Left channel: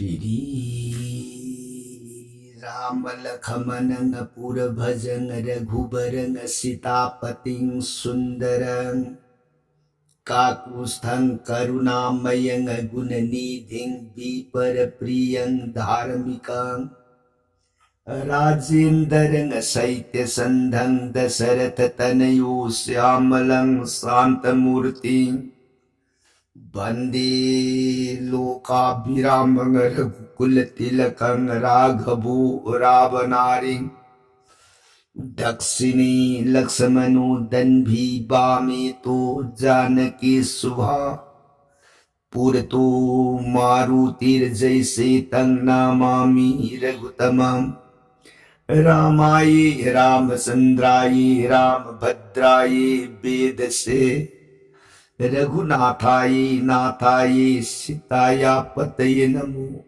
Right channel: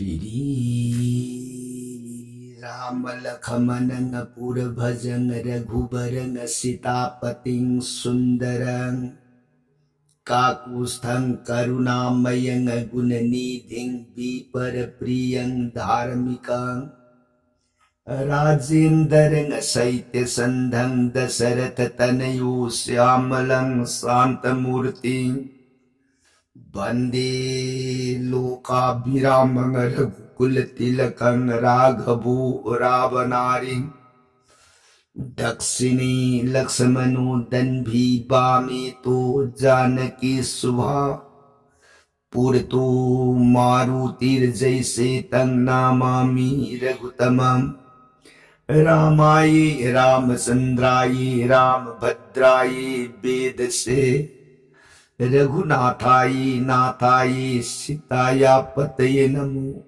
Shri Rama Lakhamana Pura Bhajang Raghubarang Sitapating Sundarang Kakusthang Karunamayang Gunanidhing Viparapriyang Dharmikang Rajendarang Saitya Sandhang Dasaratha Tanayo Syamalang Santamurti Bande Lokabhiramang Raghukulattilakang Raghavu Ravanaring Dakshini Lakshmanu Danbhi Bame Janaki Subha Purato Marutir Jaise Tang Namami Raghutamam Ramaye Ramasandraye Ramabhadraye Vedase Raghunathaye Nathaye Sitaya Pataye Namo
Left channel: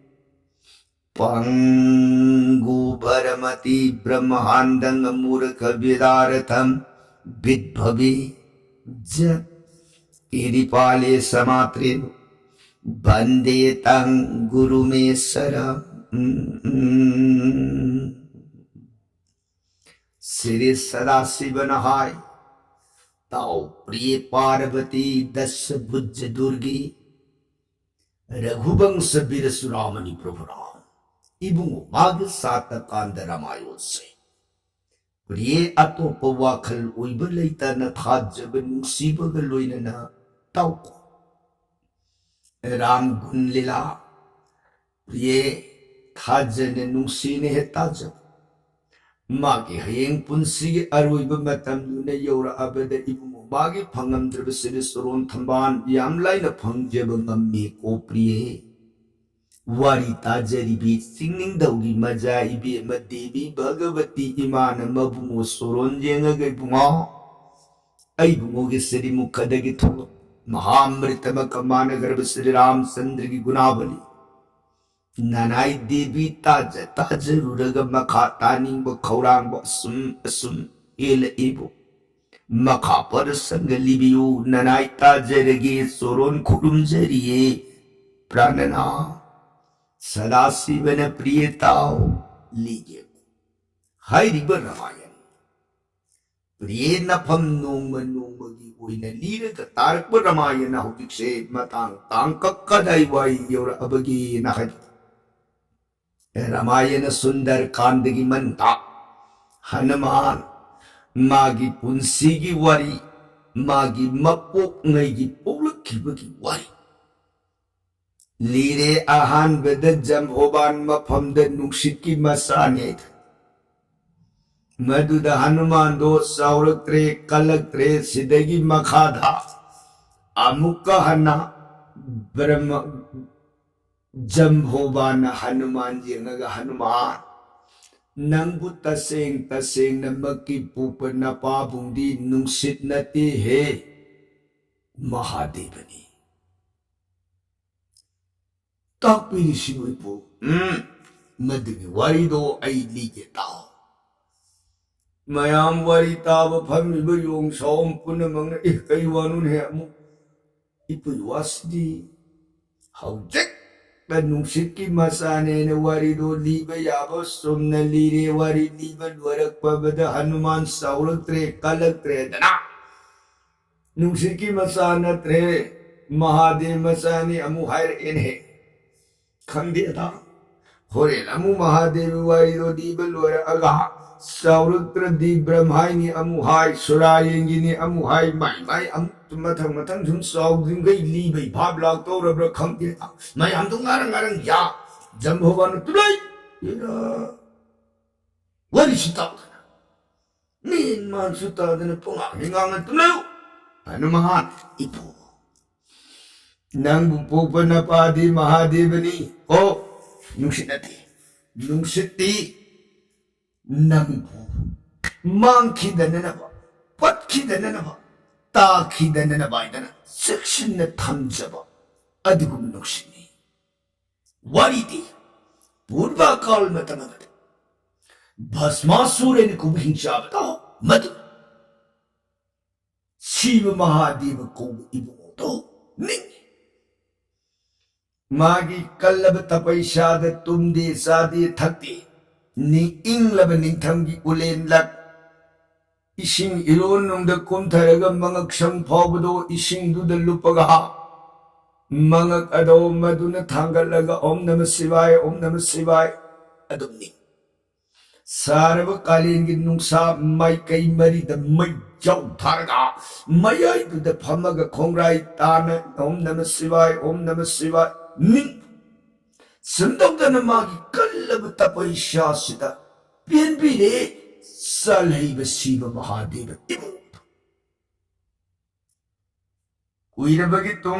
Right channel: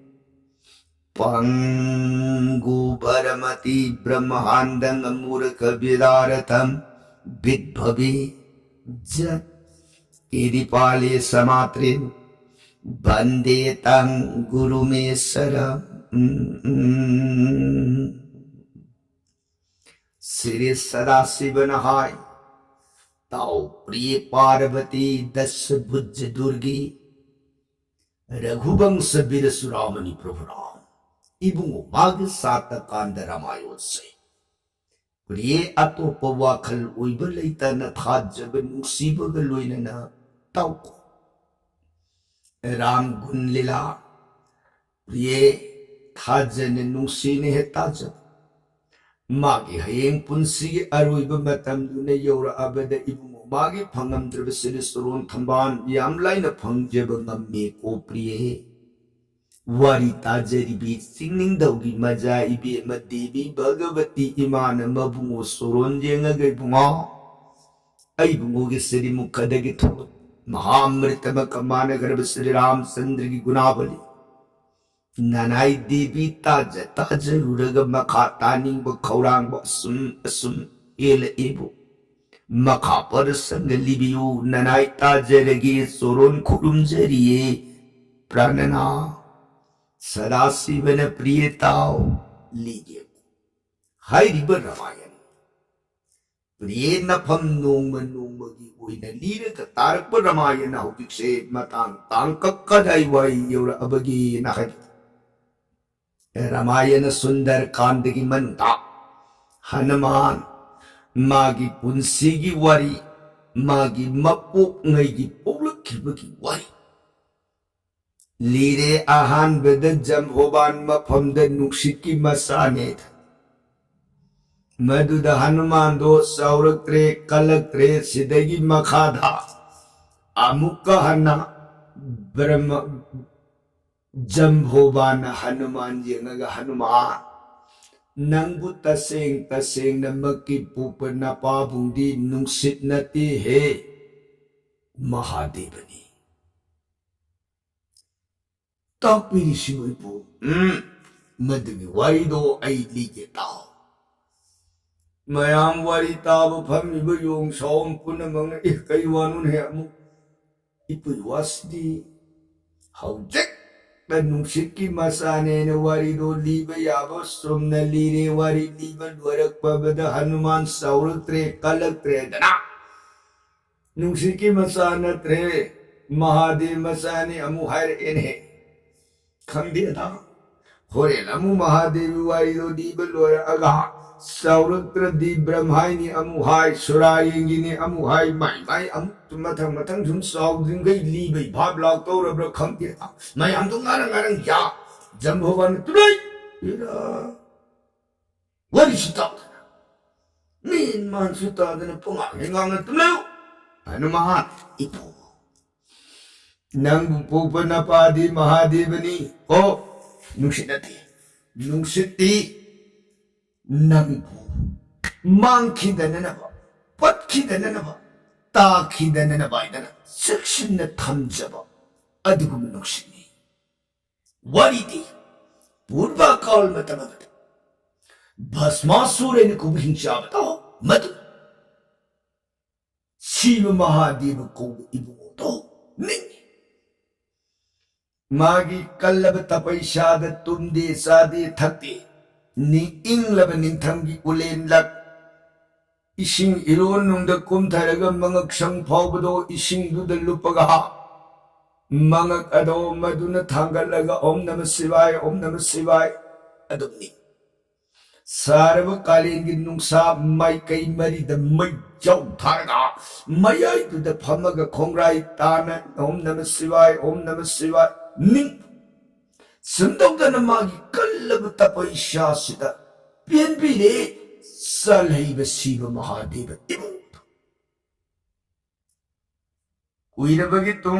Pangu Bharamati Brahmahandang Murkha Vidaratham Vidbhavi Jat Kiripale Samatrin Bande Tang Guru Mesara Sri Sadasiva Nahai Tau Priya Parvati Das Bhujja Durgi Raghubangsa Birasuramani Prabhu Ram Ibungo Mag Sata Kanda Ramayose Priya Atopa Wakhal Uiba Leitana Thajaba Nungsibaga Loinana Tauko Ram Gun Lila Priya Thajane Nungsine Hetajab Magi Hayeng Punsi Aruiba Matamduna Yora Abada Ibungo Magi Pangam Trabasiri Suron Tamban Yamlaina Pangjaba Ngami Ko Priya Wari Tajaribi Singing Daugi Maja Ibi Madevi Bhagavati Imana Mabungo Soron Jenga Bunga Aibungo Gisiri Mukadagi Tolo Mahamritama Kamana Garbasiri Ram Sandrigi Gunavali Nanai Devi Taja Taja Ruraga Makatani Bakaurang Basum Asum Il Ibu Makapar Sangalibiu Nanai Tajaragi Soron Kurumjariye Pranana Sadasivana Priyatao Lige Hai Riba Ramayan Priyena Pam Noma Nomagi Uina Lira Tarak Ramayana Hudikse Matang Tangkakadai Wai Yora Abagi Nakai Ramayana Sundar Kandagi Manta Hanuman Magi Punsigi Wari Magi Mapuk Ngaigi Pulakibaki Wari Lire Ahan Beda Jambhoban Mapamda Nuksiki Masanet Maduda Hanuman Do Sauratre Kalaktre Sidagi Makhadha Amuka Hana Brahma Jambhoban Hanuman Jengaga Hanuman Nangbu Taseng Taseng Namaki Pupa Napabundi Nungsit Nati He Mahadevani Takpiri Shibuipu Madugi Warido Ay Lige Tao Mayam Wari Tava Pamiba Yung Saum Punamang Kaywanun Hamu Ipu Wasdi Haujek Nungsiki Masane Warido Liba Yabos Sumna Lire Wari Liba Dwarak Babada Hanuman Sauratre Kalatre Dana Nungsiki Masana Tre Mahade Masani Amuhair Inhe Kandida Hore Lamu Mahadevi Warido Diba Lura Aga Sauratra Di Brahmaini Amuhai Surayengini Amuhai Mai Matang Matang Jum Saw Gai Liba Pabla Tora Kandida Mai Amtungarang Ya Jambhovan Tulay What is it out? Mean man Suta than a Punga Hingang Tulayo Hanuman Ipo Nang Pupanapadi Mahadevani Oh Nungsinati Nungsiti Nambu Monkey the Nanaba Patki the Nanaba Taki the Nanabaidana Section the Tamjaba Adugum Nuksini Wariti Purva Kal Matamavat Basmasur and Kubhin Shabata Matu Shiva Mahadeva Kob Ibuto Ning मागी कल्लब तपैसाद तुमदे सादे थकते नि इंगलब निंथमगी woollen luck इसिंग iron नुंग कुमथरग मंगक संग फावबदो इसिंग दुद लुपगा मंगक अदो मदुन थांगलगा ओम नमः शिवाय अदुमनी सारव कालीन की नुंसा माई कई मरी द मई जाऊ थारगा मयाई दुद फमग खोंगराई तान ओम नमः शिवाय निंग संदौदन मागी कल्लब तपैसा सिदा पेनबिरे सलैब शिव महादेव इबु कुइरबगी तुम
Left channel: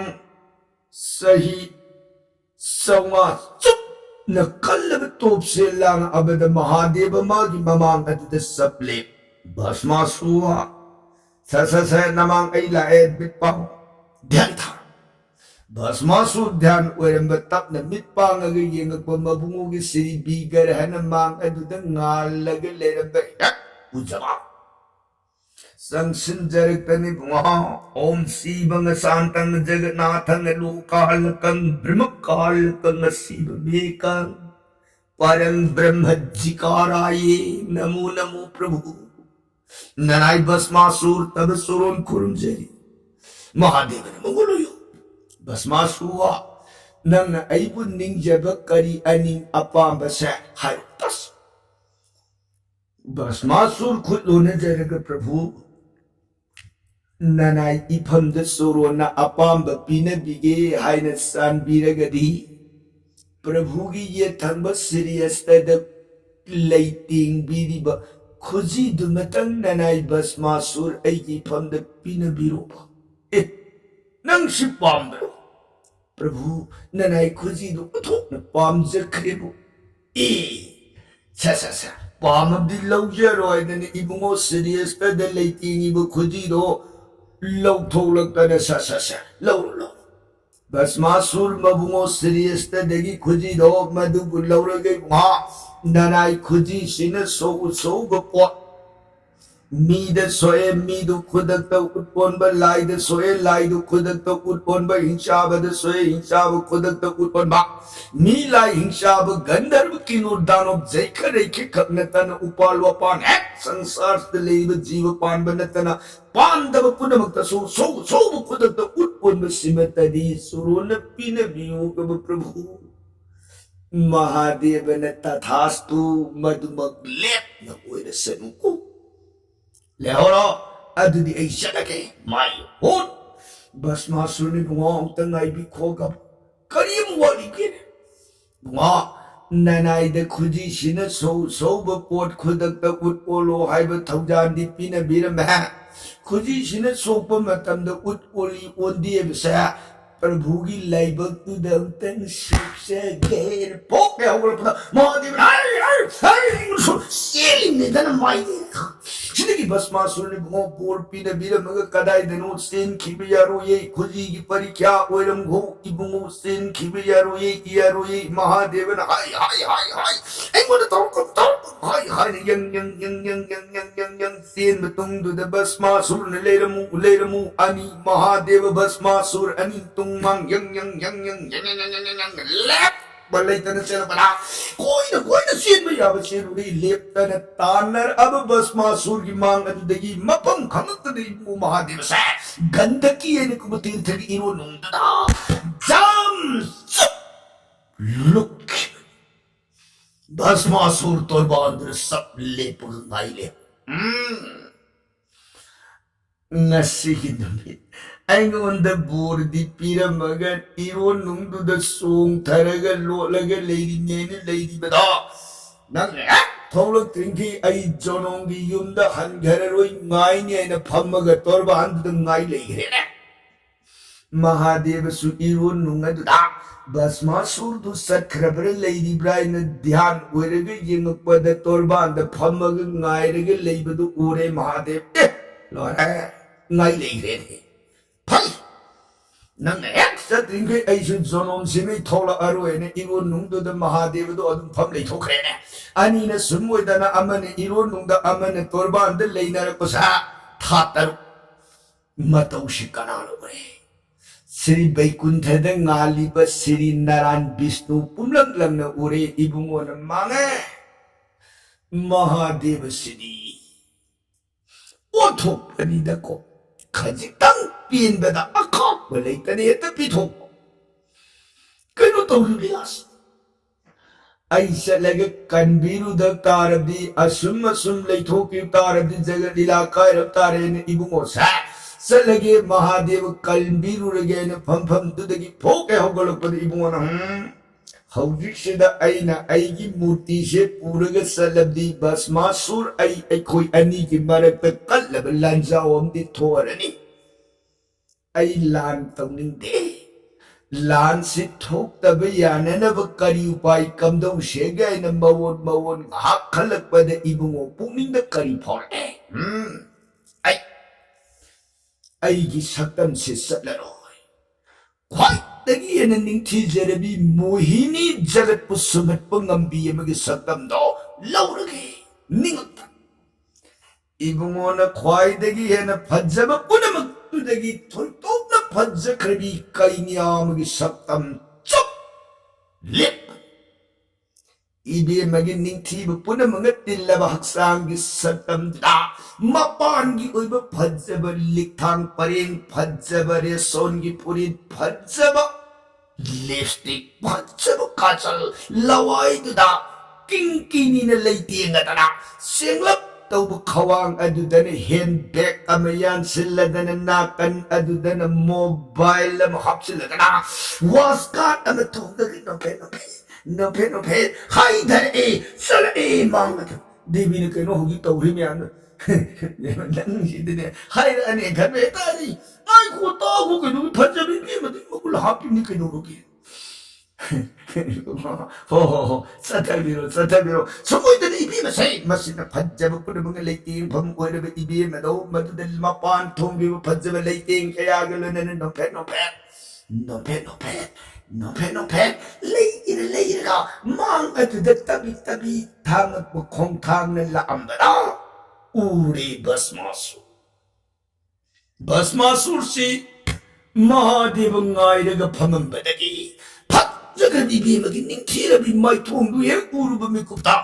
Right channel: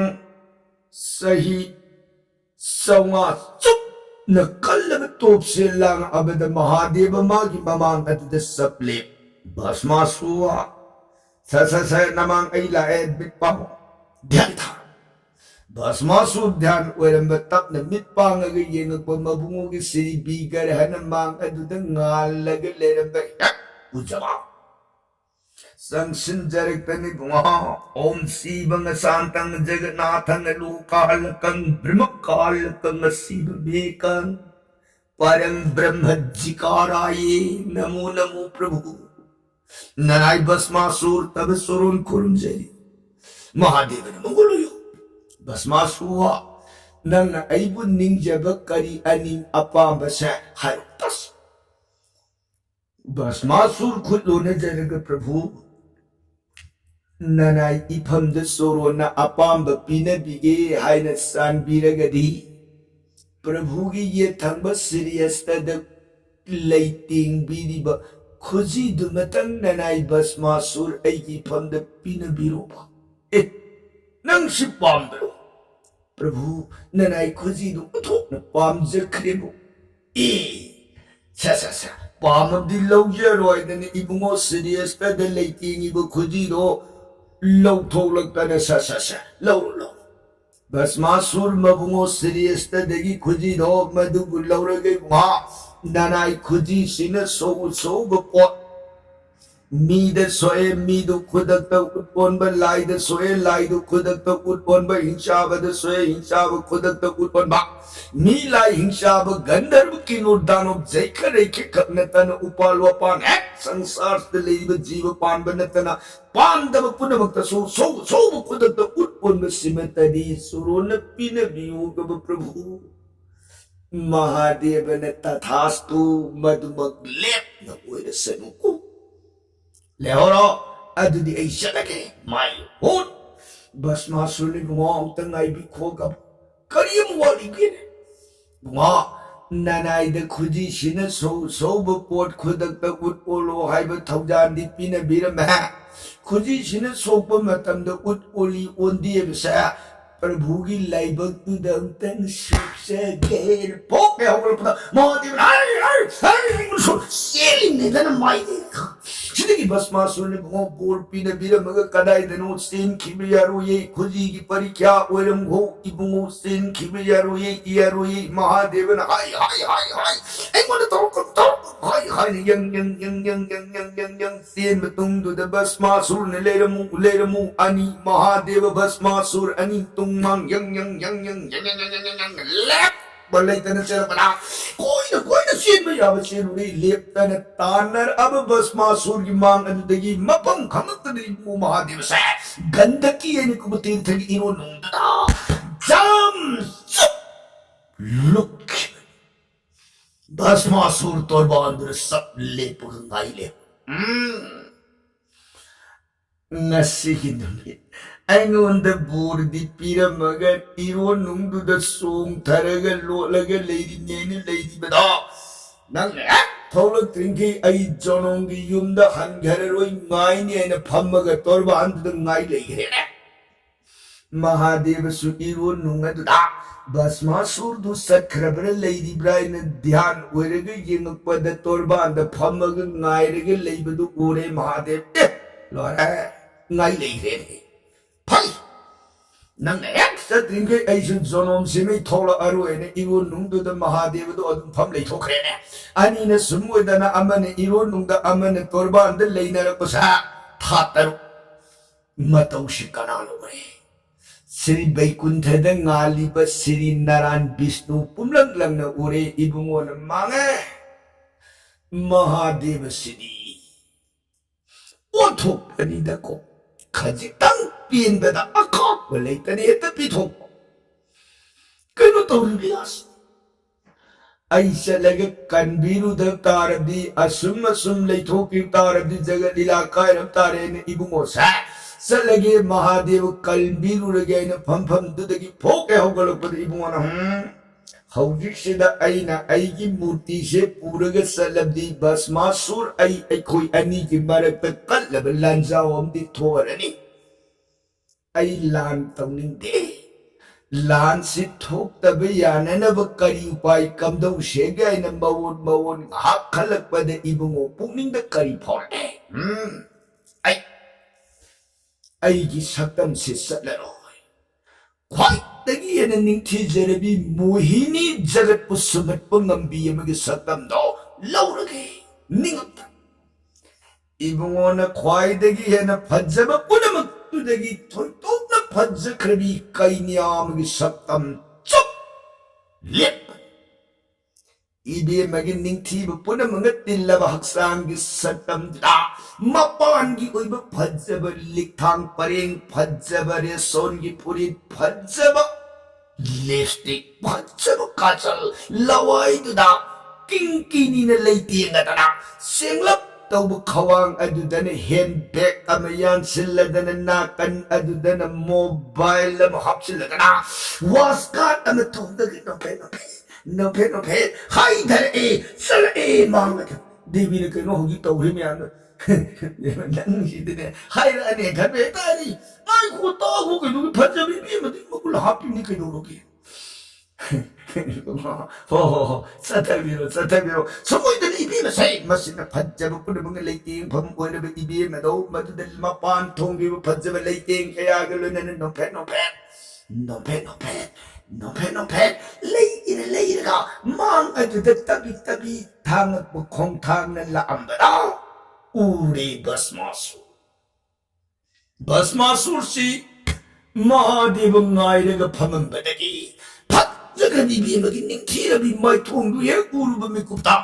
सही सौंगा चुप न कल्लब तोप से लांग अबद महादेव मागी ममांग अदुद सप्ले भस्मासुआ स नमांग ऐला ए बिपाम ध्यान था भस्मासु ध्यान ओरंब तपन मिटपांग अग येंगक मबुंगो की सिरी बीगर हन मांग अदुद ngallag leramba उजवा संसिन जरक्तनि बुंगा ओम शिवंग शांतंग जगन्नाथंग लोकालकं ब्रह्मकालकं शिव मेकं परं ब्रह्म जिकाराये नमो नमो प्रभु ननाई भस्मासुर तब सुरोन कुरुंजे महादेव मंगलोयो भस्मासुआ नंग अइबु निंजब करी अनि अपांबसे हायतस भस्मासुर खुदलो न जरग प्रभु ननाई इफम द सोरोना अपांब पिनबिगे हायन सानबिरगदी प्रभु की ये थंब सीरियस तद लाइटिंग बीरिब खुजी दुमतंग ननाई भस्मासुर ऐगी फम द पिनबिरोबा ए नंग शिपांब्रो प्रभु ननाई खुजी दु उथोक न पामजख्रेबो ए सा पामबदी लौजरोयदने इबुंगो सीरियस तद लाइटिंग इबु खुजी दो लौथोलक्तने सा लौ भस्मासुर मबुंगो सीरियस तदगी खुजी दो मदुबु लौरगे वा ननाई खुजी सिन सो बपो मीद सोए मीदु खुदक उत्पोन ब लाइद सोए लाइदु खुदक उत्पोन ब हिंसाब द सोए हिंसाब खुदक उत्पोन बा मी लाई हिंसाब गंधर्व किनुर दानव जैख रेखे खनतन उपाल वपान है संसार द लेब जीव पान बनतन पांडव पुनमक्त सो खुदक उत्पोन ब सिमतदी सुरोन पिन वियोग प्रभु महादेव न तथास्तु मधुमक लेप न ओइरसनुको लेहोरो अदुदी ऐ शलके माई होट भस्मासुर ने बुंगा अमतंग आई भी खोगा करियम वाली के बुंगा ननाई द खुजी सिन सो बपोट खुदक त उट ओलो हाइब थौजान दी पिन बिरम है खुजी सिन सोप मतम द उट ओली ओंदी बसे प्रभु की लाइबक तु दंतन सुसे गेन पोके होगल पता महादेव हाय सेलिंग ने दन माई सिद्धि भस्मासुर ने भो बोल पिन बिरमग कदाई दनु सेन खिबियारो ये खुजी की परीक्षा ओरम घो इबुंगो सेन खिबियारो ये महादेवन हाय एंगोन तो हाय यंग सेन बतुंग दु द भस्मासुर ने लेरमु अनि महादेव भस्मासुर अनि तुंगमंग यंग लेप बल्ले तने चला बना कोई न सीन में याव सीन उड़ी लेप्तन तानर अब भस्मासुर की मांग अदुदगी मपम खमत दी महादेव से गंधकी ने कुब तीर्थ की इनो नुंददा जम लुक भस्मासुर तोर बांदर सब लेप गाइले नसी की दुनिया अैंगोंद बोर्दी पिरमगर इरो नुंगदुद सोंग थरग लोलग लेदी नेने लेदी बदा नंग थौलक त्रिंकी अई जोनोंगी युमद हनघररोई ngaini aina phammaga torba andu ngai leigre Mahadev सु इरो नुंगदुदा भस्मासुर दु सखरबर लेदी ब्राइन ध्यान ओरग येंगपद तोरबा अंद फम्मग ngairग लेबदु ओरे महादेव लोरे ngai leigre Pay! Nang ek sa trinke ay sun zonom si may thola aroy na iwo nung do da Mahadeva do adun pam lay thokre na. Ani na sumoy da na ama na iro nung da ama na torban da lay na rako sa tataro. Mataw si kanano re. Sri Vaikuntha ngaliba Sri Naran Vishnu pumlang-lang na uri ibungo ng mga Mahadeva Sri. Othok panida ko, kajitang pinbada akak walay taniyata pitok. Kano tawag bilas? Ay salaga kanbiru daw tarabdi asum laythok yung tarabdi jaga nilakay ng tarin ibungo sa salagi Mahadeva kalbiru lagay na pam dudagi poke hawgalagpad ibungo na hawjiksida ay na aigi murti se puraga salabdi basmasur ay koy ani ki maragta kalaban lanjawam di thorani ay lan tawning de lan si thok tabi yana ba kari upay kamdaw shegay na mawon hakalagpada ibungo pukning da kari por ay gisaktam si salaroy kway dagi yan ning tijarabi muhini jagat po sumat pangambiya magisaktam do lauragi ningot ibungo na kway dagi yan na padzaba punamag tudagi toltok na padza krabi kay niya magisaktam chop lip ibi magining tiba puna mga tilaba haksang gisaktam da mapan gi oiba padzaba liktang paring padzaba reson gi purit padzaba lipstick padzaba kachal laway duda kingkini na laytiang atana singlap tawba kawang adudana handbag amayan sila na nakan adudana mobile na mahap sila na waskat ang natugag no pen hay dare sala mga devi na kayo hugi tawri mi ano lang hindi hay ane kan betari ay ko tawo ko no panjabi bi mati makul happy ni kayo rogi ho satabiro somoy dali ibi masay masina panjaba ko na mga lighting pamoy na ibi madaw madudal mapan tonggi panjaba lighting kaya galo na no pen lay ka mang aduda tabi tang kong tang na laambada uri basmasur si Mahadeva ngayraga pamambadagi pat jaga bibi magining tirabi may tungdu ye uru ba mikupta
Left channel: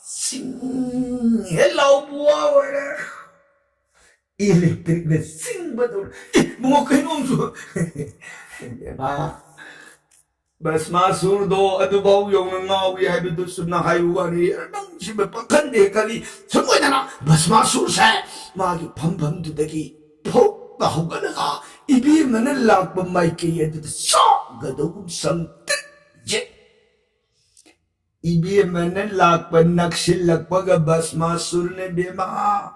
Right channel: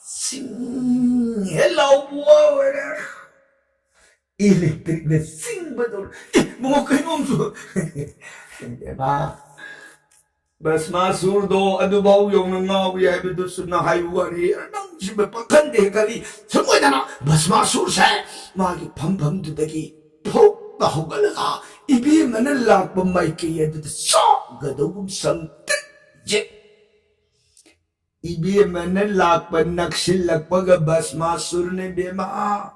sing hello buwawala electric na sing bador mga kainom so ba basmasur do adubaw yung nangawi ay bidot sub na hayuan ni nang siba pangkande kali semoy na basmasur sa magi pam dudagi po na hugalaga ibi manalang pamay kaya dito sa gadawum sang je ibi manalang panaksilak paga basmasur ne bema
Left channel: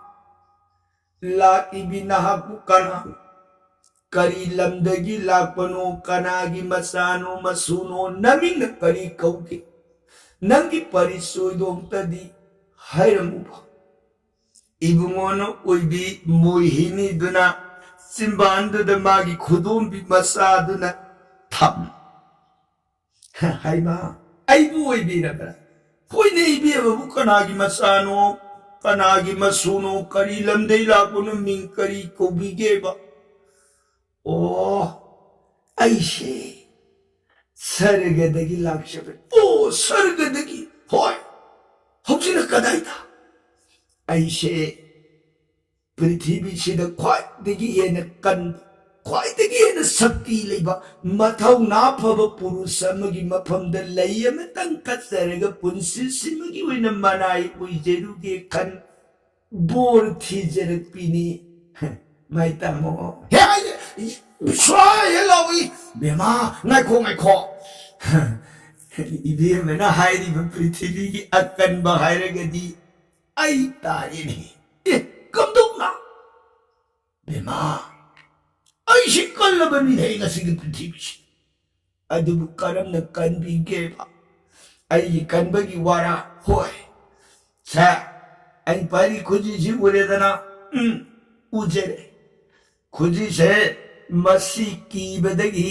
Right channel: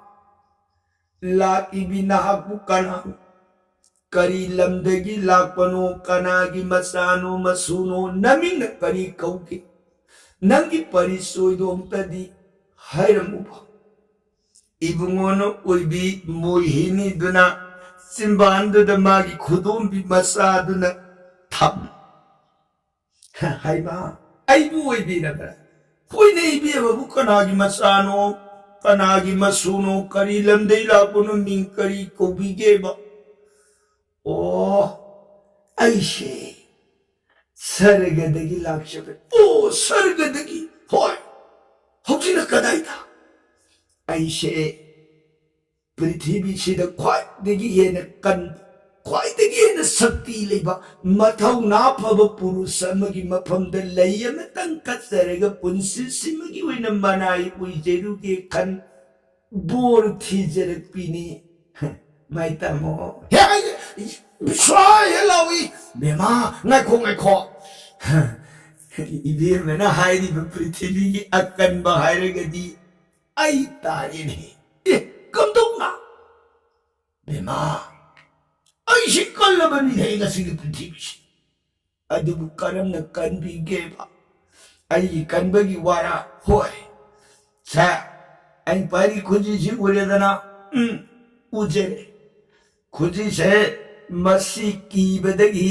la ibi nahak bukan kari lamdagi lakpano kanagi masano masuno naming na kari kauki nangi parisoy doong tadi hayram uba ibungono uibi muhini duna simbando da magi kudumbi masado na tam hay ma ay buhay bi na ba kuy na ibi ababu kanagi masano kanagi masuno kari lamday lakpano ming kari kaubige ba aishe sargadagi lakshabe sargadagi hoy hojina kadaita aishe prithvi sida khwaidagi hena kan khwaidagi hena sakti leiba mathau na phaba purusa amagi maphamda layama tangkatsaraga punsi simagi oina manai uijeruge kan bor thijarakpini maitamo Shwa yelawi bema ngai ko ibi mena hairi ba prithvi ki akan bahare gadi ai tari ni kamdong na bema ai shikal ba ni nei ga sig prithvi adu karam na kan bi ge ba ai kan ba gi wara hoy sa ai pari khuji ji ure dana uje khuji se masi ki badagi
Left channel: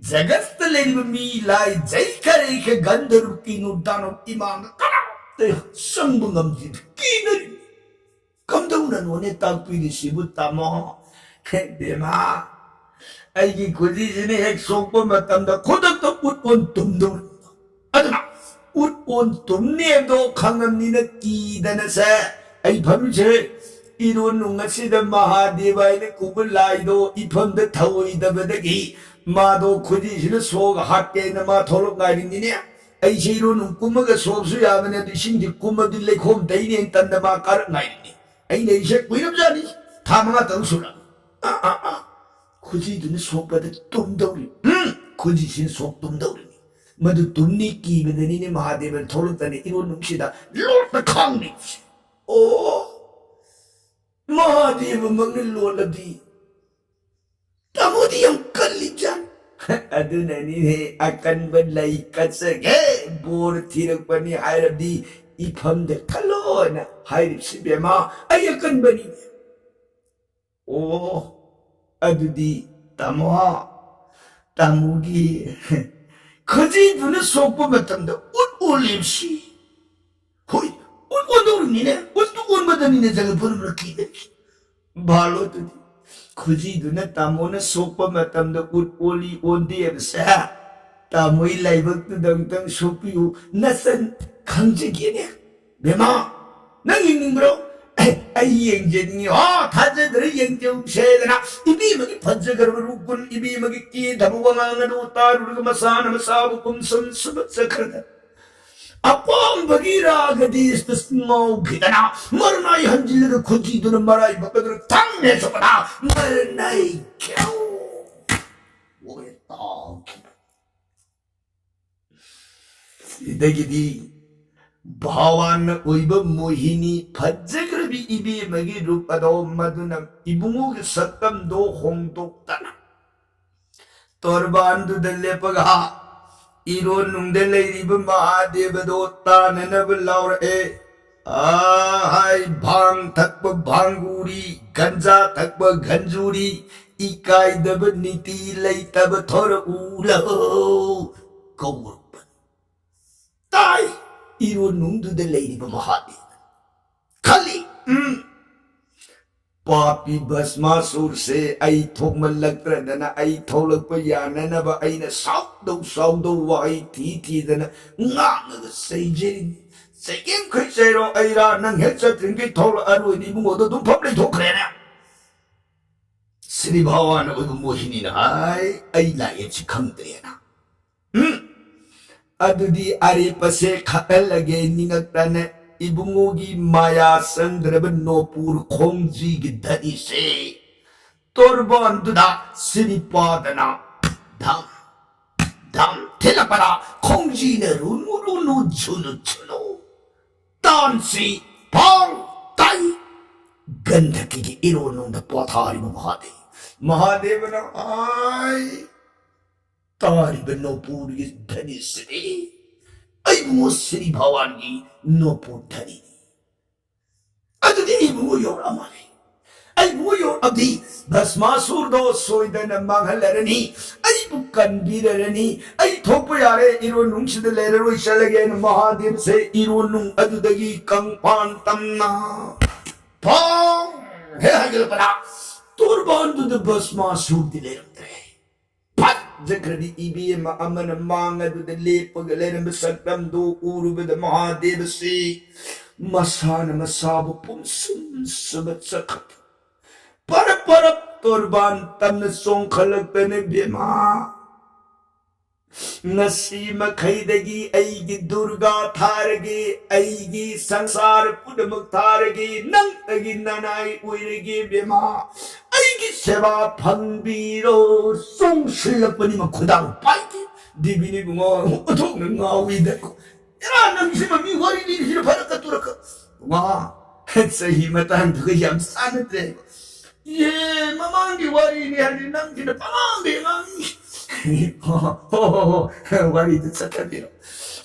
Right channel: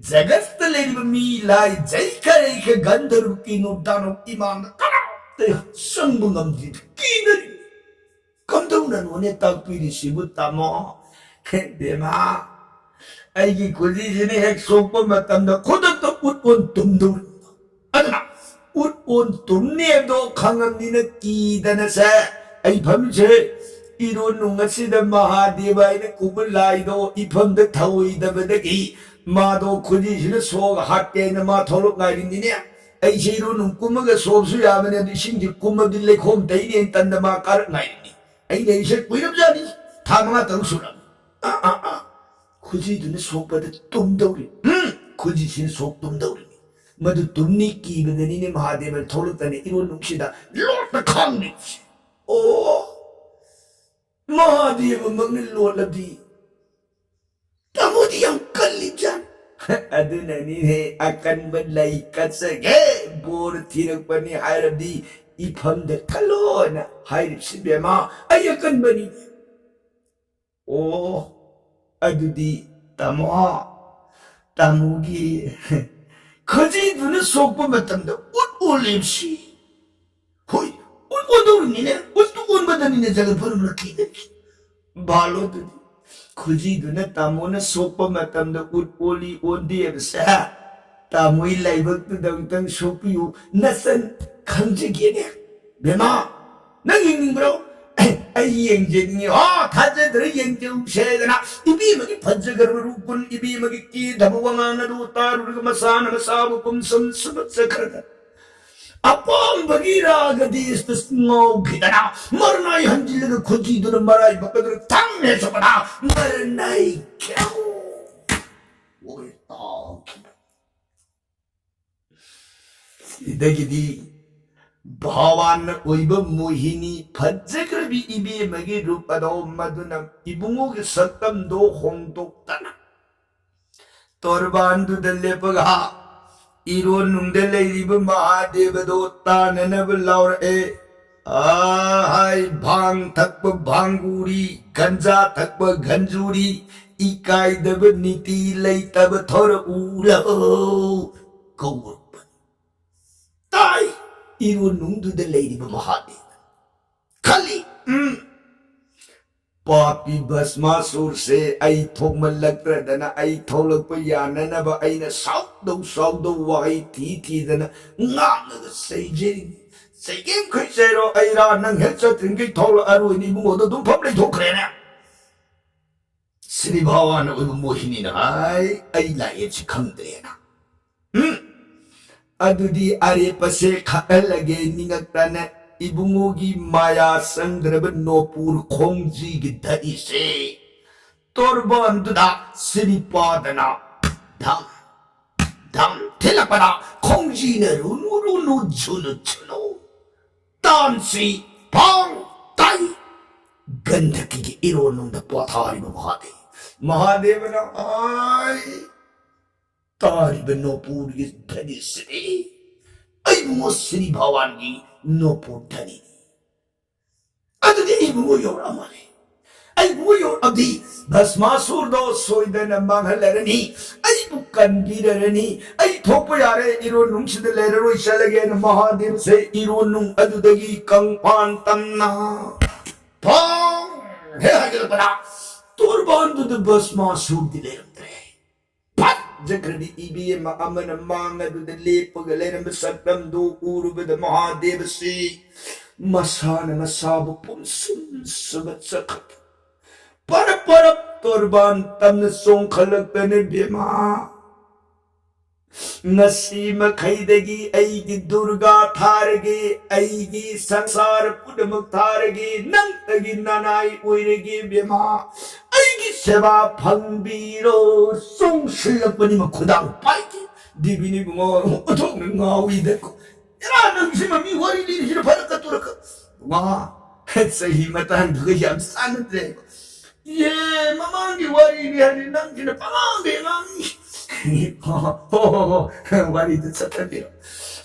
jagat leriba mi lai jai kare ka gandharu kinu dano imam kana te sangbungam di kinari kamdau na no ne takpi di sibut tamo dema ꯑꯩꯒꯤ ꯈꯨꯖꯤꯁꯤꯅ ꯍꯦꯛ ꯁꯣꯛꯄ ꯃꯇꯝꯗ ꯈꯨꯗꯛꯇ ꯎꯠ ꯑꯣꯟ ꯇꯨꯝꯗꯧꯔꯤꯕ ꯑꯗꯨꯅ ꯎꯠ ꯑꯣꯟ ꯇꯨꯝꯅꯦꯕꯗꯣ ꯈꯪꯉꯝꯅꯤꯅ ꯀꯤꯗꯅꯁꯦ ꯑꯩ ꯐꯝꯃꯤꯁꯦ 이런 농가시다 마하데바 이네 꿈을 라이도 이품도 타오이다버다기 마도 구지시는 소가 핫게나 마 톨록 나이린디네 아이시 이런 꿈마가 소수야면에 신지 꿈마빌레 콤 데이니 엔탄다 마 까르 나이린디 아이네 이세 꾸이름자니 다망아 땅수라 구지드는 속바다 뚱다우리 구지신 속 뚱다우리 마도 뚱니 끼거든이네 마하데바 톨록다니 이런 농시다 롤다 캉니 오 Mahadeva magniloladi. Tamudi yang kalijan. Aduna ni akan berlaikat sege. Bor tirak bani hairab di ipam de kalona. Hairab si bema ay akan bani. Oh, adu di tamuha. Tamugi. Kaji duna sopa matamda ut ulimsi. Hoy. 오도름이네. 옷도 온바다니네 자가 버름을 끼네. 발로도 굳이 눈에 따모는 속바 마땀도 옷올리 온디에서 따모이 라이브도 덩덩 소피우 나선 강직이네. 매마 난 있는 거로 아이 영재니 다자들의 영재 세잖아. 이비막이 번쩍거리고 웃군 이비막이 끼 다부왕하나도 따르르고 마사나 마사부 꿈섬 스벅스그러다. Apang bagira gadis tus ngau kitana marnai hanjilga kunci duna marai bakadr tangne sokana marnai kyau woe tak idagidi bhawan oiba mohini phajjagrabi ibe magi rupado maduna ibungu ge satam do hongdoktana torbandu dallepaga 이론 농델레 이브 마하데바도 따내나블 라우라에 아하이 방 탁버 방구리 간자 탁버 간주리 이까이더버 니티 레이타버 더러 우러 거우르번 따이 이론 농두델레 이브 마하데 칼리 Papi Basmasur se ay thokmalaktra dana ay tholakpa yanana ba ay na saudo wai ti dana nga say game kay sayro ay ra nang hetsa trinki thol aru ni bungo do public thokre na Sri Bhawan oy mohini na ay laye si khamdre na adudi are pase khalage ningakta na Ibungogi maya sandraba nopur khongji gi dadi se torban duda siripadana dam telapana khongji ne runu chunu tansi pang tai gandhaki gi ironung da pathari mahadevana ai tari nopur gi dadi se ay mo Sri Bhawan gi no putani. Ado di ibu yor amane. Ay ibu yor abdi Basmasur do soida na manghalarani. Ay bukan birarani. Ay thopo yare iro nung sida leraro isalage na Mahadev se iro nung ado dagi kang pantamna. Pong! He hagil pana. Turban do the Basmasur di lerandre. Jagradi ibi ma amana manga do the lepag leram besaktam do uruba the Mahadev si masana masabu pumsum sabat sakat para torban tamna song khalakta ne bema ngasi makhaidagi aigi durga tharage aigi sansar pudamak tharage nantagi nanai oirege bema aigi seba pangbiro song silapani makudang paiki dibini bungo otong ngawi deko ira namsima mi wari ni sila paraka turaka bunga sahi matan duga yam sanatre ye mamangi wari ni hani nang sila pamangi ngang wari itu satapiro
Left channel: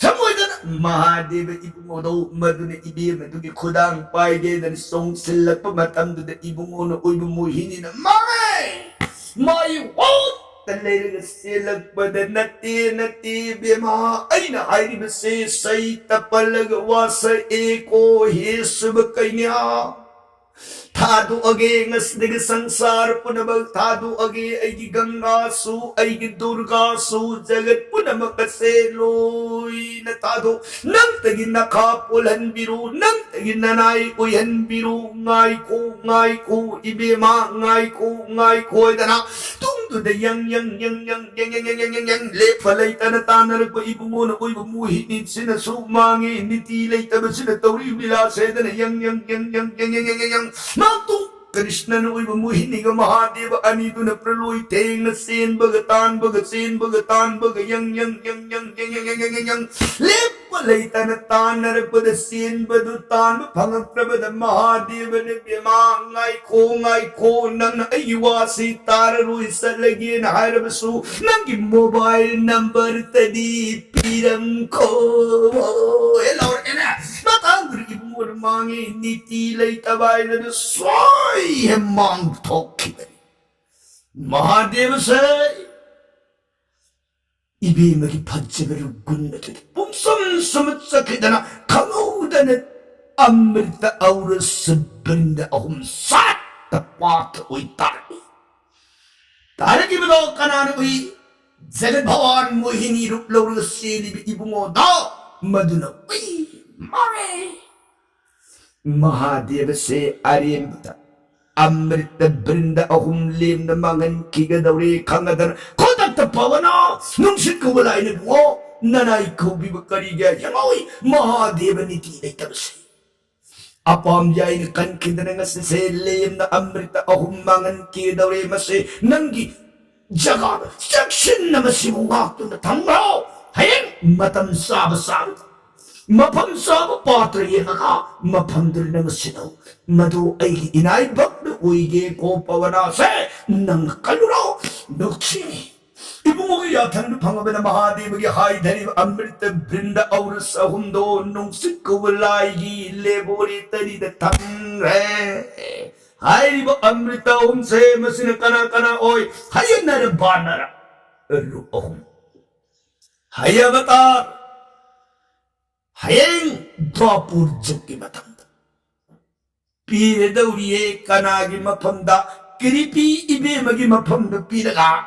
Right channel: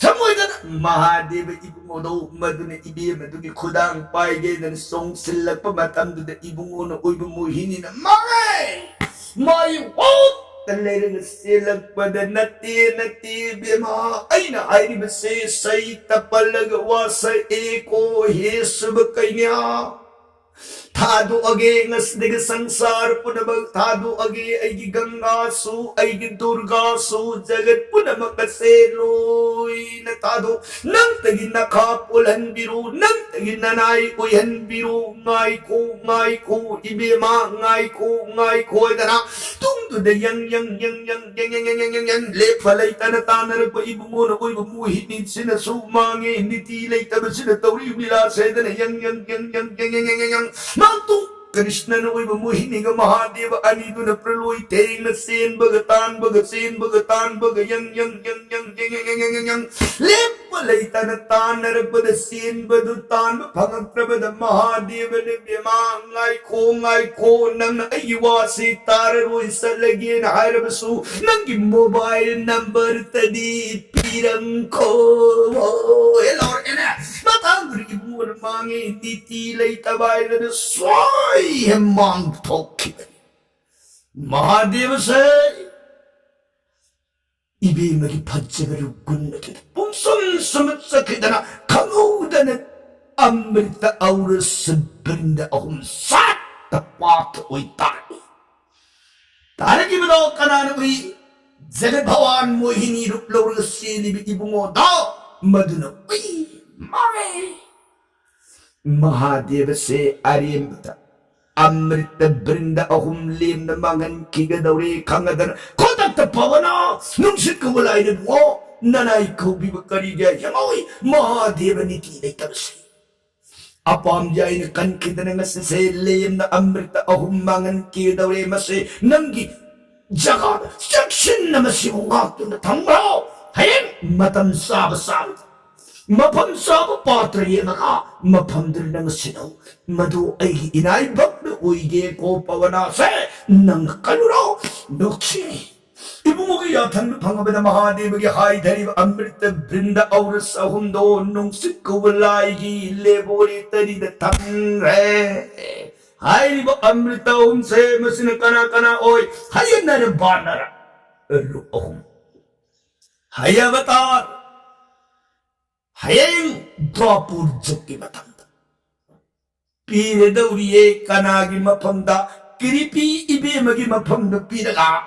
Samoydan Mahadeva ibungono maduna ibi madugi khudang paige dan song silak pamatam da ibungono uibu mohini na mai what talere silak badan nati bema aina airi base sai tapalag wasa eko he sub kainya थादोअगे ngasidige sangsar punamag थादोअगे aigi ganga su aigi durga su jagat punamak kase loi na थादो nang tagi nakha pulan biru nang tagi nanai uyan biru ngai ko ibema ngai ko dana tung tu de yang le phalai tan tanar ko ibungo na koi buhi ni sina su mange niti lai tab sina tauri bila se dana yang Matung Krishna na uy bamuhin nga Mahadeva anito na preloy teng na sin bagatan baga yang lep walay tanatan na nagpada sin badutan pangag prabada Mahadeva na ngay ko nang naayawasi tararoy sa lagi na harabasu nang mobile number tadi pirang ko hello ena matang ibu na mangi nitilay tabay na soy hemang toki Mahadeva say ibi magi pajjabaru gunnati pumsam samatsakidana kamudana amrita aura sabrinda ahum sat tapat uy taraki bado kanan uy jagat bhawan mohini ruplaur sili ibungo da maduna uy mare Mahadeva se arimta amrita brinda ahum lim na mangan kigadauri kangadan kotak tapawana nungsit ko wala ini bungo nanay ko bibakari gaya yangoy Mahadeva niti ay tabasi apam jay na kankida na nga se lim na amrita ahum mangan kigadauri masi nanggi jaga section na masibungak na tangro hayang matam sabasabit Mapam sa patra yang ka mapamdir ng sinaw madu ay inaibak na uige ko pawanase ng kaluro nuksi ibungo yatan pangaba na Mahadeva gi hay dhani amrita brinda auras ahundo nung sikko walay gi lebori tari da tamre hay ba amrita se masina kana oy hayan na banara elu ahum hayavatar Hayang dwapur jagki matanda. Pire dauriye kanagi mapamda kiripi ibe magi mapamda piraga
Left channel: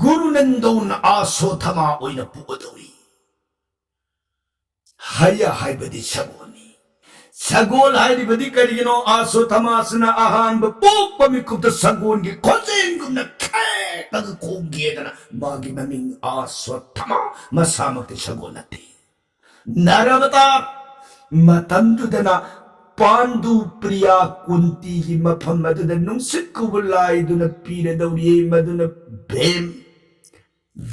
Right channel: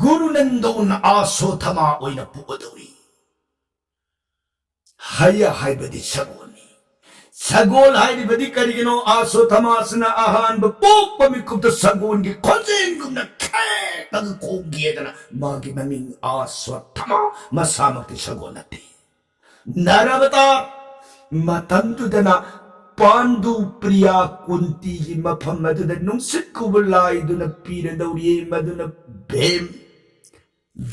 guru nando na aso tama oy na puo dauri. Haya haibadi sagoni. Sagol haibadi karigino aso tama sana ahan bapok pamikub ta sagon gi konsen gum na kek nagkogiya na magi maming aso tama masamak ta sagol natin. Naravatar matandudana pandu priya kunti gi maphamaduna nungsit kubulay duna pira dauriye maduna bem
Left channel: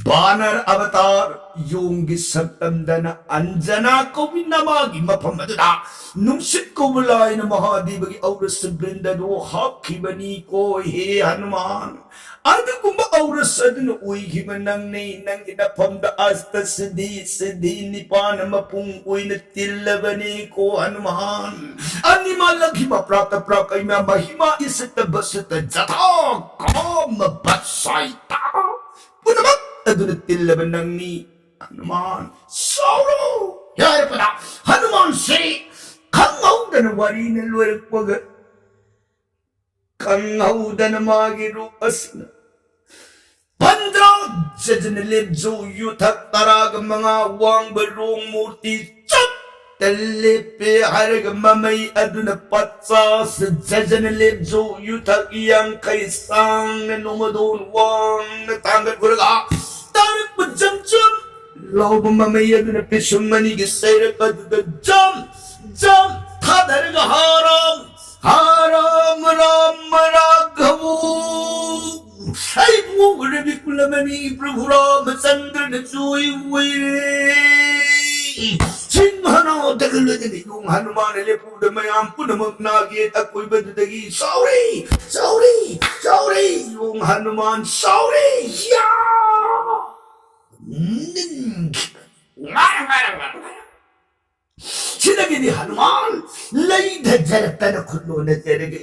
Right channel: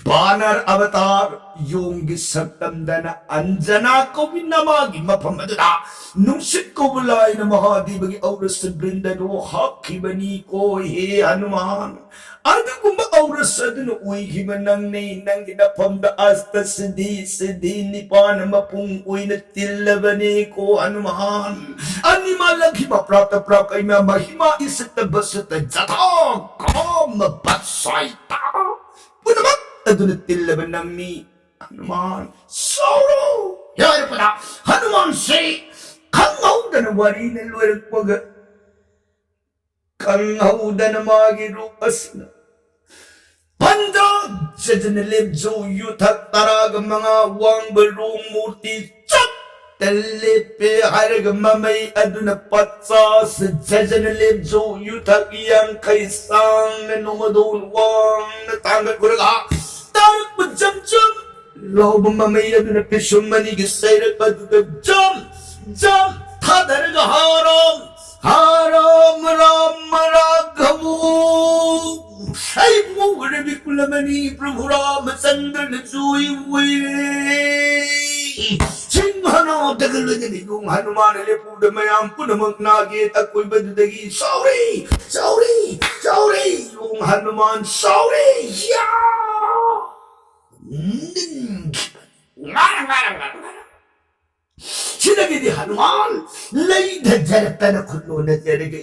banar avatar yung gisaktamdana anjana ko binamagi maphamaduna nungsit kubulay na Mahadeva gi auras sa brinda do hakibani ko he Hanuman Anda kumba auras adun uy himanang nang ginapamda asta sedi ni panamapung uy na tilabani ko Hanuman animalag hima prata prakay mahima isatabasata jata kamabasay ta punamak adun tilabanang ni Hanuman Sauro yara pada Hanuman say kangaw da na wari na luwal kwaga kangaw da na magirukas na Pandra jajanilib jo yutak tarag mga wang balong murti chap talipe harag mamay aduna patsa sa jajanilib jo yutak iyang kaisang na numadon wang natanggal kuraga tarak majam law mamay aduna pisyong manigisay aduna jam tadaraga haram raghavu ay mo rabi kulamani Prabhu Ramachandra na suiwi singhana dagalo na yung Hanuman lepu da mayam punamag nagit ako'y badudagi sorry yung Hanuman sorry sinagi ni Hanuman lay da jarata na kulo na jaraga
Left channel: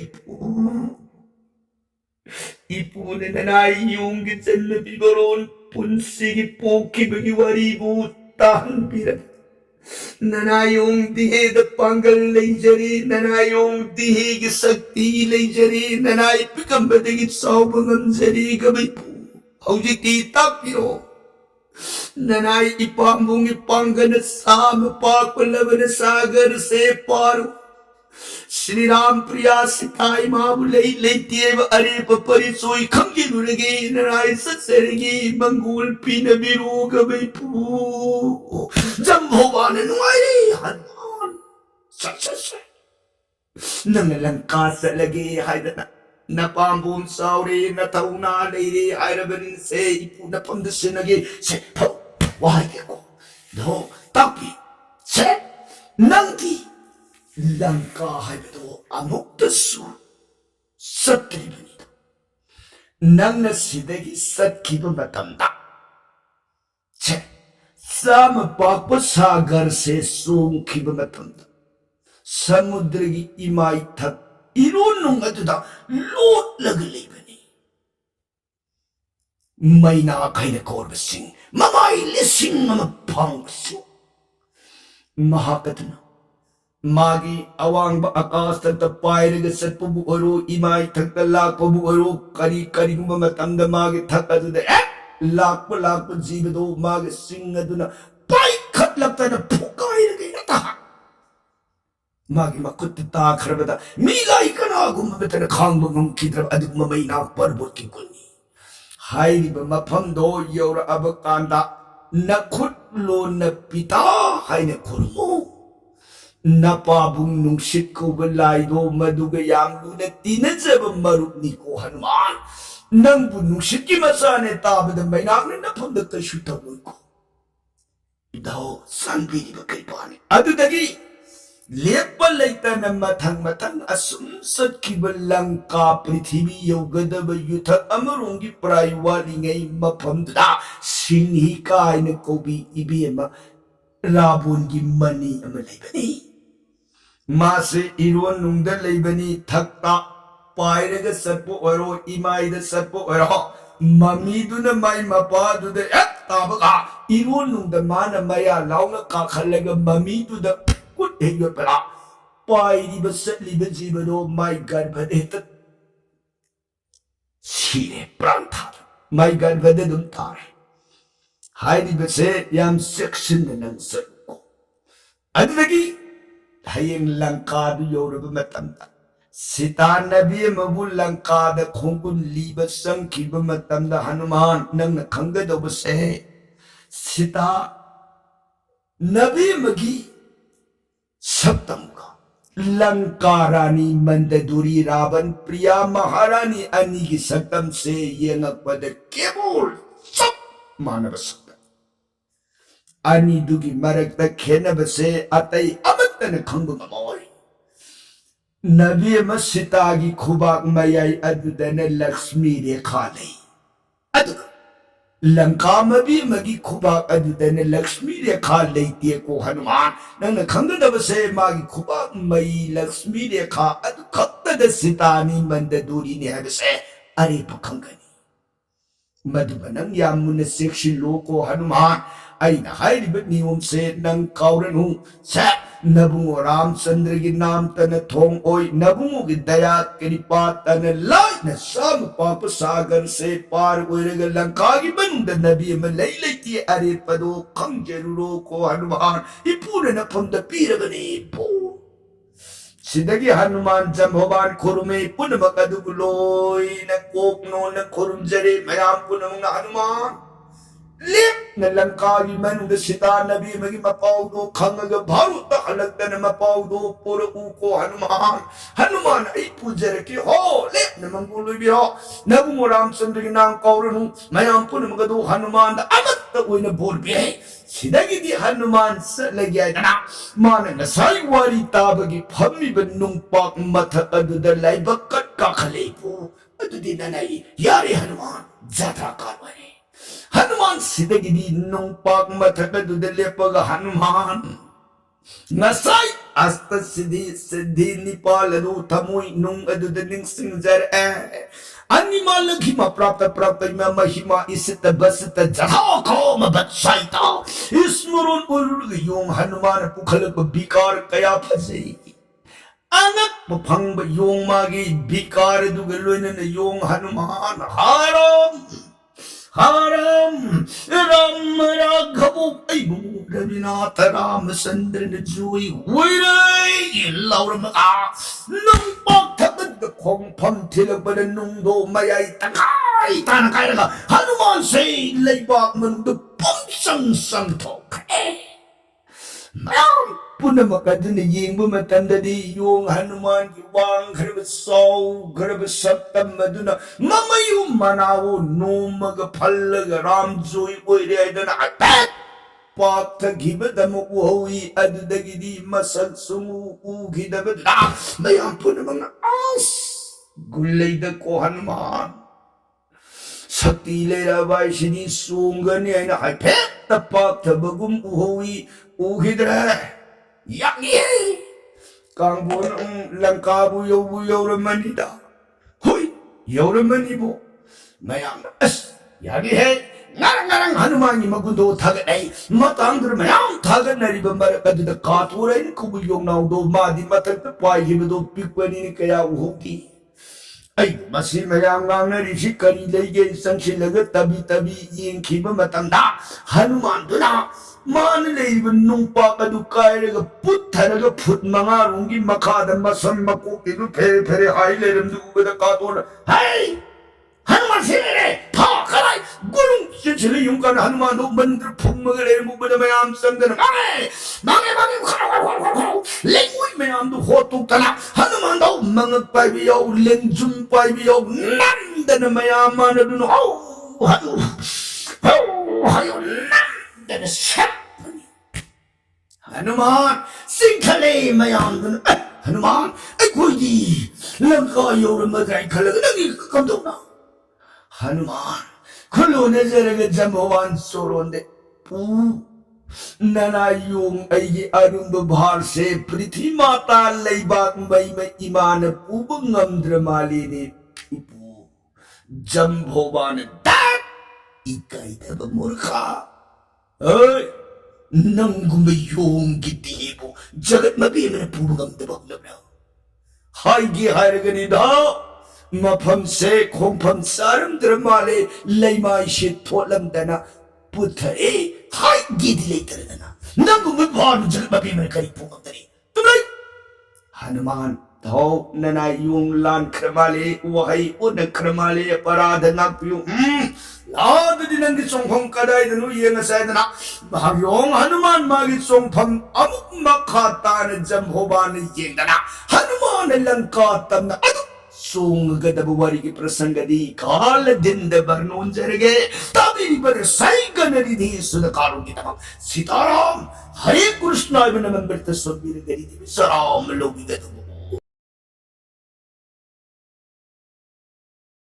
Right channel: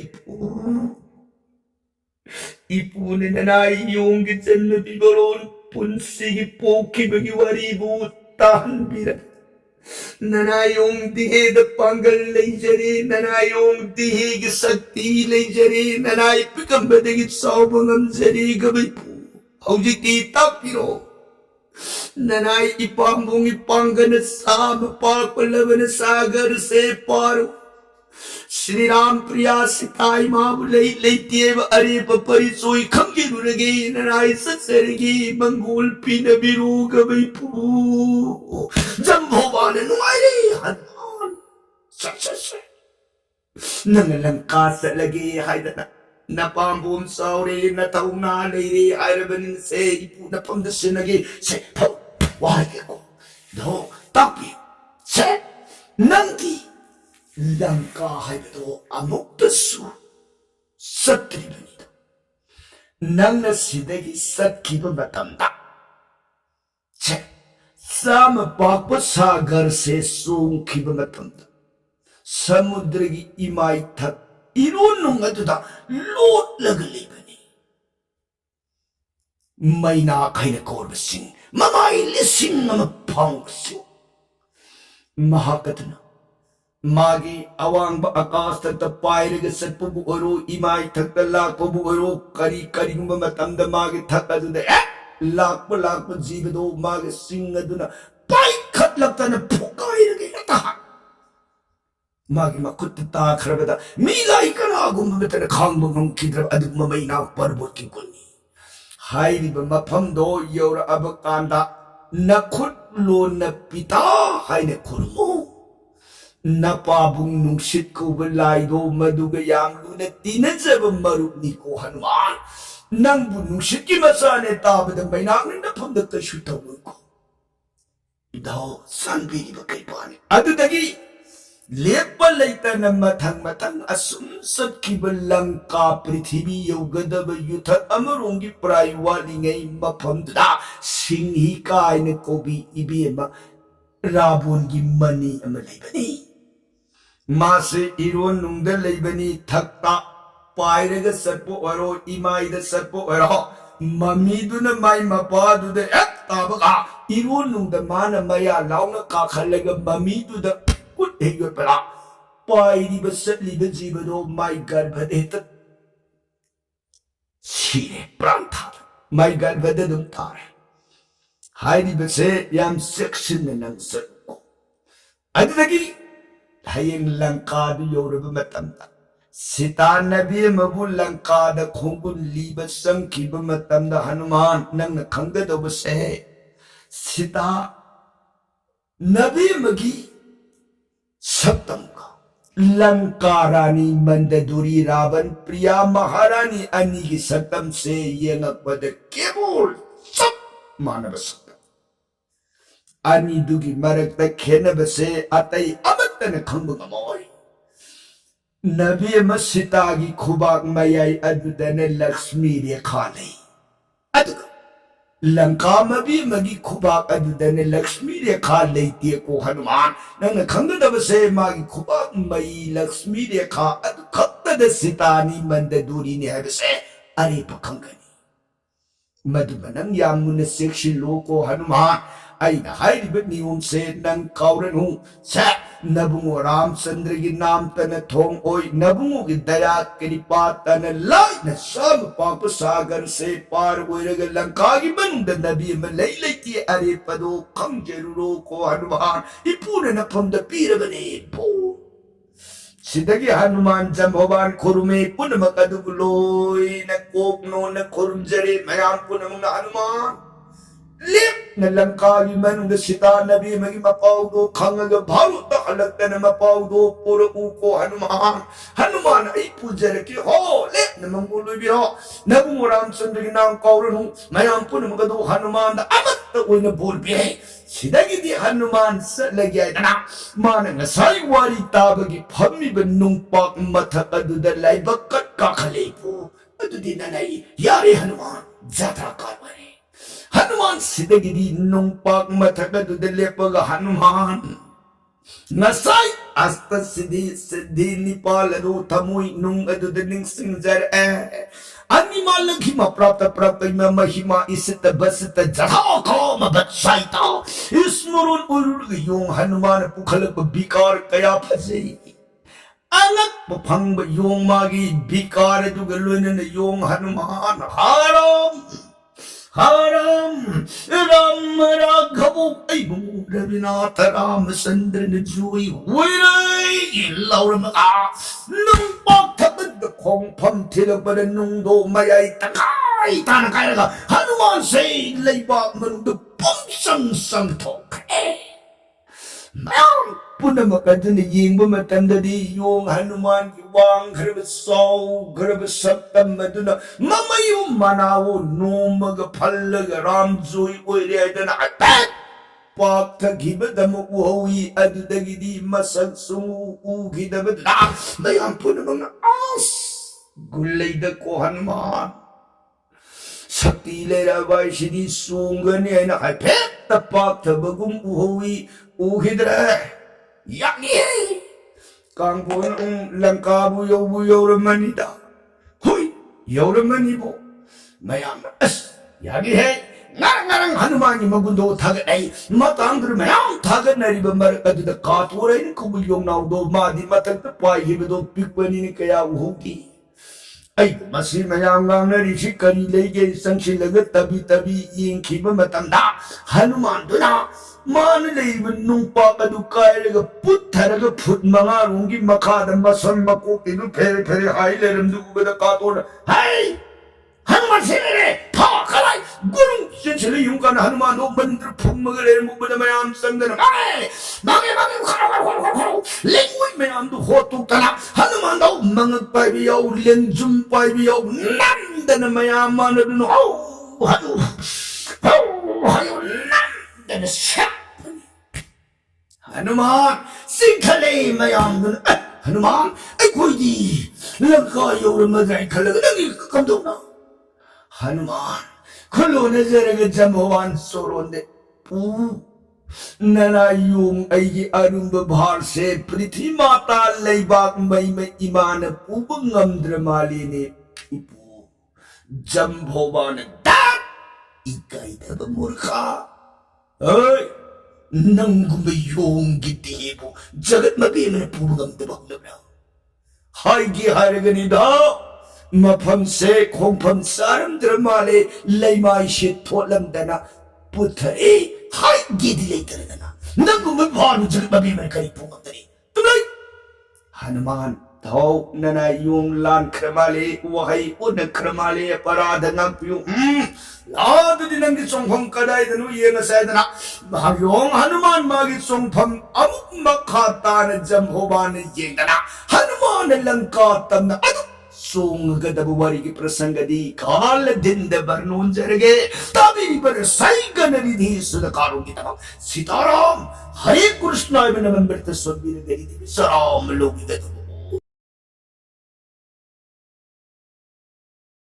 ipunin na yung gitsan na bibaron punsigi poki bagi waribu tahan bilang ननायों दिहेद Pongal लेजरे ननायों दिहेग शक्ति लेजरे ननाय पिकंबदगी सावबंगम जरे गबैपु हौजिकी तापिरो ननाय इपामुंग पांगन साम पाकलवन सागर से पारो श्री राम प्रिया सिताई माबु लेतेव अरे परिचोई खंगिरुरगे ननाय ससरगे Mongol pin बिरु गबैपु जम्भोबान नुआरे हनुमान नंग लंका सलगे हायदना नपाम्बुम सावरे नथौना लेरे हायरबन से इपु नपमद सिनगे से फौ वागे को दो तापी से नंदी लंका हायबदो अमुक्तसु सत्रिबनिदा नंग सिदगी सत्किब मतमदा छे साम पाप सागर से सोंखिब मतमदा समुद्र की इमाई थक इरोन नुंगदुदा लोट लग लेबनी मैना खैन कोरबसिंग ममाई लिसिंग नम फांगसिंग महाकतना मागी अवांग आकाश तक पायरग सत्पबु ओरो इमाई थक लाकपबु ओरो करी करी मतमद मागे थक अदुदा लाख जीव दो मागे सिंग अदुना पाई खत लगता न फुकाइरगे नता मागी मकुत ता खरबदा मिलाई कना गुम्बतन खांग बंग किद्रब अदुम मैना परबुर की कुनी हाइरिब मफम दो योर अब कांदा नखुत लो न पिता हाइने खुरमो नपाबुंग नुंगसित को बलाइदो मदुग यामलु न तिनजब मरुपनी को हनुमान नंगबु नुंगसित की मसाने ताबद मैना ने नफम द कशु तवुल को दो संबीरी बकरी पानी अदुदगी लेपा लेता न मथंग मथंग असुम सत्किब लंका पृथ्वी योगदब युथ अमरोंगी प्रायवाली गई मफमदा सिंही कायन कोबी इबेमा राबोनगी मनी अमलेबनी मासे इरोन नुंगद लेबनी थक्ता पायरग सर्पो ओरो इमाइद सर्पो ओरो ममीदुन माई मपादुद एक ताबगा इरोन नुंगद मान मया लाउन का खलग ममीदुद कुट हेगो परा पायरिब सतलिब जीवदो माई गर्भदेत सीरे प्राण था माई गर्भदे दुम तार हाइरिब से याम सेक्शन नंग सको अदगी हयेंग लंका दु योरब मतमदा सीता नबी मबु लंका द खोंगुन लीब संखिब मतमदा हनुमान नंग खंगदोब से सीता नबी मगी सप्तम का लंका रानी मंददुरी रावण प्रिया महारानी अनी की सप्तम से ये नकबद केवल सब मानव सकता अनी दुगी मरक तक खेनब से अतई अमतन खंग गमोय नबी मसीता की खुबाक मयाई अदुदन लक्ष्मी रेखा नहीं अदुग लंका मबी मगी खुबाक अदुदन लक्ष्मी रेखा लेती को हनुमान नंग खंगदब से मागी खुबाक मई लक्ष्मी रेखा अदु खत्तद सितानी मंददूरी ने हबसे अरे पखंगनी मधुबनंग यामुन सेक्षी लोको हनुमान अइना हाइरिब नियम से नंग काउरन हूं से नबुंगो रामचंद्र की नाम तन थोंग ओय नबुंगो की दया कृपा तन लाई न सब पाप सागर से पार ओइरग लंका की बनुंद नबी में लई लेती अरे पदो खंग जरूरो को हनुमान इपूने न फंद पीरगने पो सिदगी हनुमान जंभोबान खुरुमे पुनम कदुक लोय न कोकनो न खुरुम जरे मयाम पुनम न हनुमान लेप न लंका की मनुंद सीता नबी मगी मपाउदो खंग भारुत हलकन मपाउदो पुर को हनुमान हनुमान आई पूजर के हो लेप न मंगोल भी हो नबु रामचंद्र के नाम कौरन हूं मयाम पुन मगदो हनुमान अमत ओइन बोल भी है सिदगी दी हनुमान सलगिया तना मान नसाई वारी ताबगी फम्मी बनुंग पाक मथक अदुद लाइबकट का खलेपु अदुदी ननाई यारे हनुमान जात्रा कारवाई हनुमान सिदगी नुंगपाक मथकदुद लेपग हनुमान नसाई अस्त सिद्धि सिद्धि निपाल रू थमुई नुंग अदुद निंग सिंजर ए animal hima prapta mahima isita basita jatha mabatsaita ismurun urug yung Hanuman pukhalag bikar kaya phajai anak papang yung magi bikar dugaluin na yung Hanuman haram ram raghavu ay Rabinatha Ramachandra na juy huiray ilaw ramaka nung pagtabad na kong pamtilagba na nung do mayay takay tanang kaya ka Hanuman say laybak manong punsang santok mayroon po na makadun na ying bumatanda di yung Hanuman iwang karabasaw karabasatam maduna mamayo manawo no magapalaga ramjoy oireda na atat pagtagibad mo uhawi adudagi di masag sumuugidabad na mayroon po na mga as gulay da ko Hanuman saktilay rabay sinisunggan niya na kay pet tapak tabagum uhawi uhidra yakni kang bunang langka buyaw ramanida huy yaw ramanibo mayam as yagi he ngarang Hanuman magundo tagat ay matandr mayam tagat na riba marakadda katuray ni kubuyong naudo madi matagtapay hibido pikpani ni kaya uhuti ay masi mayang na rishi kanilay ke isang silagat tabi yung kiba matanda Hanuman duna manalay nung pakadukay naga puta naga put mga rungi makada masan makukido pere hay leram dugo na kato na hay Hanuman sinire pa kalay gulong sila yung kan Hanuman do bandra pung mga leram mo ba na mayam sangga na mange lengway mayam do hotok tana Hanuman daw mga paibiyaw lengjum paibiyaw nanda na mayaman na dun hayo nanda na siya Hanuman singkali mayam dun Hanuman ay kuy langka yaw ramadray kalaga nagikakamdaw na Hanuman kulo na jaraga jambawan soronde pu nana yung ay arung babhar se prithvi mata laybak may imana pubang ngamdramali ni ipu jambawan dat ikay taba murka ay nang gumayong gitibo jagat mabima na pubang ngamdabak na hay gihara ganida mapamse kongpam saram dramale laymay shittolam dana putai hay gidi later dana nangum bhan jagat mabima kari pungam dani tumlay Hanuman thaw nana yung lan kramale wahay unang kramale parada ngapyong lad din ang gisong kaday danu yenga say dana bagyong Hanuman magisong pam amuk makata na jamhoban yeng dana Hanuman lang katam na sung gadabuwari ki prasanga di kala dinda barnon jarage tabi bar saiga naridhi sudakaron kita Sitaram Hare Krishna ibn Amrita Sabir Gadi Saram Logi Gadu